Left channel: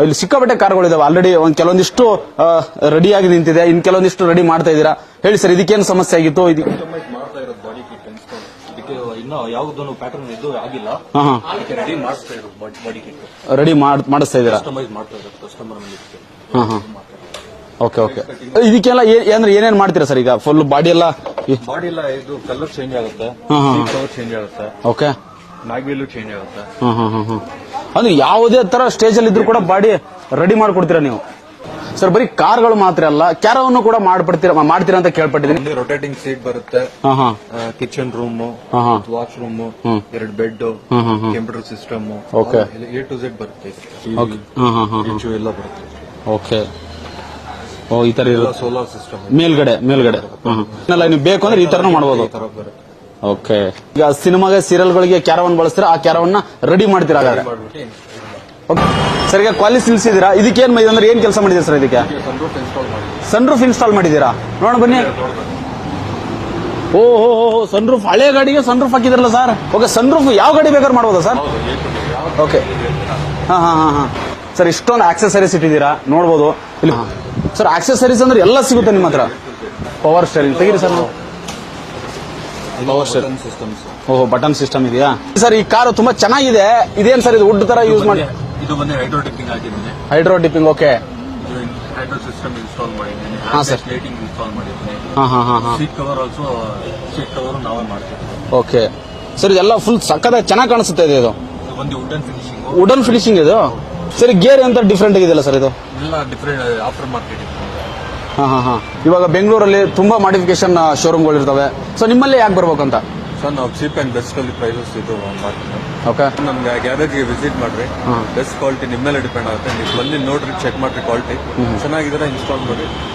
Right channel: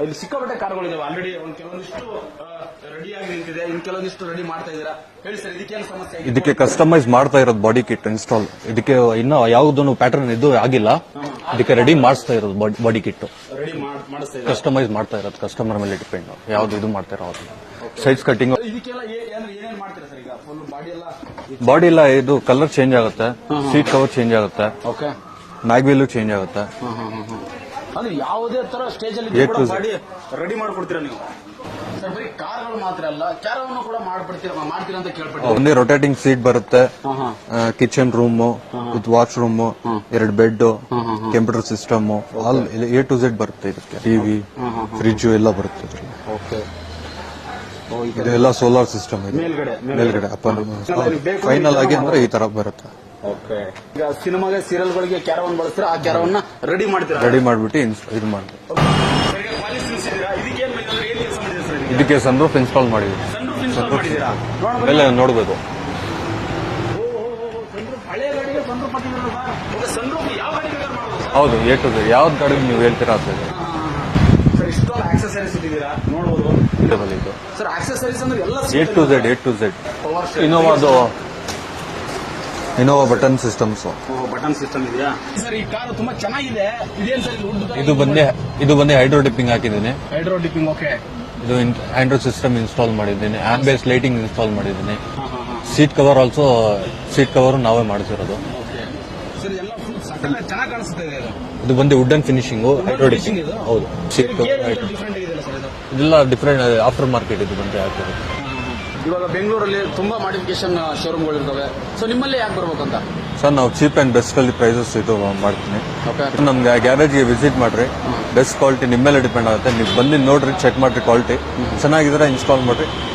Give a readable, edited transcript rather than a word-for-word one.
ಇಲ್ಲಿ ಸಿಕ್ಕಾಪಟ್ಟೆ ಕಾರ್ಗಳಿದಾವೆ ಆಲ್ರೆಡಿ ಒಂದ್ ಕೆಲವೊಂದಿಷ್ಟು ರೆಡಿ ಆಗಿ ನಿಂತಿದೆ, ಇನ್ ಕೆಲವೊಂದಿಷ್ಟು ರೆಡಿ ಮಾಡ್ತಾ ಇದ್ದೀರಾ. ಹೇಳಿ ಸರ್, ಇದಕ್ಕೇನು ಸಮಸ್ಯೆ ಆಗಿತ್ತು? ಕಸ್ಟಮೈಸ್ ಮಾಡ್ತಾ ಇರೋದು ಬಾಡಿ ಕಿಟ್ ಇನ್ಸ್ಟಾಲ್. ಇದಕ್ಕೆ ಇನ್ನೂ ಯಾವ್ದೊಂದು ಪ್ಯಾಟರ್ನ್ ಇದು ಆಗಿಲ್ಲ. ಇದಕ್ಕೆ ರೆಡಿ ಮಾಡಿಸ್ತಾ ಇರೋದು ಬಾಡಿ ಕಿಟ್ ರೆಡಿ ಮಾಡಿಸ್ತಾ ಇದ್ದೀರಾ? ಕಸ್ಟಮೈಸ್ ಮಾಡ್ತಾ ಇರೋದು ಕಸ್ಟಮರ್ ಮೇಲೆ ಡಿಪೆಂಡ್ ಯಾವ್ದು ಇದು ಮಾಡ್ತಾ ಇರೋದು. ಸೈಜ್ ಕಟಿಂಗ್ ಇದಕ್ಕೆಲ್ಲ ಅಂದ್ರೆ ಏನೇನ್ ಮಾಡ್ತೀರಾ ಸರ್? ಈಗ ಫುಲ್ ಬಾಡಿ ಎಲ್ಲ ಇದು ಕಲರ್ ಚೇಂಜ್ ಆಗುತ್ತೆ, ಸೀಟ್ ಕವರ್ ಚೇಂಜ್ ಆಗುತ್ತೆ, ಓಕೆ, ಮ್ಯಾಗ್ವೀಲ್ ಚೇಂಜ್ ಆಗುತ್ತೆ. ಅಂದ್ರೆ ಯಾವುದೇ ತರ ಸ್ಟೇಜ್ ಅಲ್ಲಿ ಇದ್ರೂ ಕೂಡ ಬಾಡಿ ರೆಡಿ ಮಾಡ್ಕೊಡ್ತೀರಾ ನೀವು ಸರ್? ಬರೀ ಕಾರ್ಗಳು ಮಾತ್ರ ಅಲ್ಲ, ಕ್ಯಾರವನ್ನು ಕೂಡ ಮಾಡ್ತೀರಾ ಅಂತ ಕೇಳ್ಪಟ್ಟಿದ್ದೀನಿ. ರೊಟೇಟಿಂಗ್ ಸೀಟ್ ಬರುತ್ತೆ, kitchen room, wash room, 2 bed, computer system, A to Z ಬರುತ್ತೆ. ಟಿವಿ, ಫ್ರಿಡ್ಜ್ ಎಲ್ಲ ಬರುತ್ತೆ. ಓಕೆ, ಈ ತರ ಎಲ್ಲ ಸೋಲಾರ್ ಸಿಸ್ಟಮ್ ಮೇಲ್ಗಡೆ ಬೇಕು ಅಂದ್ರೆ ಈ ತರ ಮಾಡಬಹುದು, ಈ ತರ ಬರುತ್ತೆ. ಓಕೆ. ಈಗ ಸಿನಿಮಾಗೆ ಸೀರಿಯಲ್ಗಳಿಗೆ ಕ್ಯಾರವನ್ ಬಳಸ್ತೀರಾ, ಆ ಕ್ಯಾರವನ್ನ ರೆಡಿ ಮಾಡ್ತೀರಾ? ರೆಡಿ ಮಾಡ್ಬಿಟ್ಟು ಇದು ಮಾಡಿ. ಸರ್, ಈಗ ಕ್ವಾಲಿಟಿ ನಿಲ್ಸಿದ್ದೀರಾ, ಇದಕ್ಕೇನ್ ಅಂದ್ರೆ ಏನ್ ಕೆಲಸ ಮಾಡಿದ್ದೀರಾ ಸರ್? ಇದಕ್ಕೆ ಸನ್ರೂಫ್ ಇನ್ಸ್ಟಾಲ್ ಮಾಡಿದ್ವಿ. ಸನ್ರೂಫ್ ಇನ್ಸ್ಟಾಲ್ ಮಾಡಿದ್ದೀರಾ? ಬನ್ನಿ ನೋಡ್ಬೋದು. ಓಹೋ, ಸನ್ರೂಫ್ ಹಳೆ ಗಾಡಿಗೆ ಸನ್ರೂಫ್ ಹಾಕಿದ್ರಲ್ಲ ಸರ್? ಓಕೆ, ಸನ್ರೂಫ್ ಯಾವ ಗಾಡಿ ಬೇಕಾದ್ರೆ ಮಾಡ್ಬೋದಾ ಸರ್? ಹೌದು, ಯಾವ್ದು ಹೇಳ್ತೀರಾ? ಸರ್, ಇಷ್ಟೊಂದು ಆಕ್ಸೆಸರೀಸ್ ಇಟ್ಟಿದ್ದೀರಾ, ನೋಡ್ಬೋದು. ಸರ್, ಆಕ್ಸೆಸರೀಸ್ ಅಂದ್ರೆ ಎಲ್ಲ ಸಿಗುತ್ತೆ ನಿಮ್ಮ ಹತ್ರ? A to Z. Power steering, button systems. ಓಹೋ, ಬಟನ್ ಸಿಸ್ಟಮ್ ಇದೆಯಾ ಸರ್? ಈ ಕಾರು ತುಂಬಾ ಚೆನ್ನಾಗಿದೆ. ಇದೇನ್ ಸರ್ ಇದು ವುಡ್ ತರ ಯೂಸ್ ಮಾಡಿ? ಇದು ಬಂದು ಹೈಡ್ರೋ ಡಿಪ್ಪಿಂಗ್ ಹಾಕಿದ್ದೀನಿ. Hydro dipping, okay. ಇದು ಆಂಡ್ರಾಯ್ಡ್ ಸಿಸ್ಟಮ್ ಇನ್ಸ್ಟಾಲ್ ಮಾಡಿದ್ದೀನಿ, ಆಂಬಿಯಂಟ್ ಲೈಟಿಂಗ್ ಇನ್ಸ್ಟಾಲ್ ಮಾಡಿದ್ದೀನಿ. Seat cover also, seat cover ನಾವೇ ಮಾಡ್ತಿರೋದು. ಓಕೆ ಸರ್, ಇದೆಲ್ಲ ಫುಲ್ ಸಕ್ಕತ್ತಾಗಿ ಚೆನ್ನಾಗಿ ಕಾಣಿಸುತ್ತೆ. ಇದು ಬಂದು ವುಡನ್ ಫಿನಿಶಿಂಗ್. ವುಡನ್ ಫಿನಿಶಿಂಗ್ ಇದು ಸರಿ. ಗೇರ್ ಅಂತ ಡಿಫ್ರೆಂಟ್ ಆಗಿದೆಯಲ್ಲ ಸರ್? ಇದು ಇಲ್ಲ, ಡಿಫ್ರೆಂಟ್ ಆಫ್ಟರ್ ಮಾರ್ಕೆಟ್ ಇದು ಬಂದ್ರೆ. ಇವಾಗ ಬೆಂಗಳೂರಲ್ಲಿ ತುಂಬಾ ಮಾಡಿಫಿಕೇಶನ್ ಶೋರೂಮ್ಗಳು ಇರ್ತವೆ. ಸೊ ನಿಮ್ಮಲ್ಲಿ ಯಾಕೆ ಬರ್ಬೇಕಂತ ಸರ್? ನಾವು ಚೀಪ್ ಅಂಡ್ ಬೆಸ್ಟ್ ಅಲ್ಲಿ ಪ್ರೈಸಸ್ ಇದು ಮಾಡ್ತೀವಿ. ಓಕೆ, ನಮ್ಗೆ ಗ್ಯಾರೇಜ್ಗೆ ವಿಸಿಟ್ ಮಾಡ್ರಿ, ಬೆಸ್ಟ್ ಕ್ವಾಲಿಟಿ ನಿಮ್ಮ ಮೇಲೆ ಡಿಪೆಂಡ್ ಆಗುತ್ತೆ. ನೀವು ಬಂದು ನೋಡ್ರಿ, ಚೆಕ್ ಮಾಡ್ರಿ, ಕ್ವಾಲಿಟಿ ಚೆನ್ನಾಗಿದ್ರೆ ಇನ್ಸ್ಟಾಲ್ ಮಾಡ್ರಿ.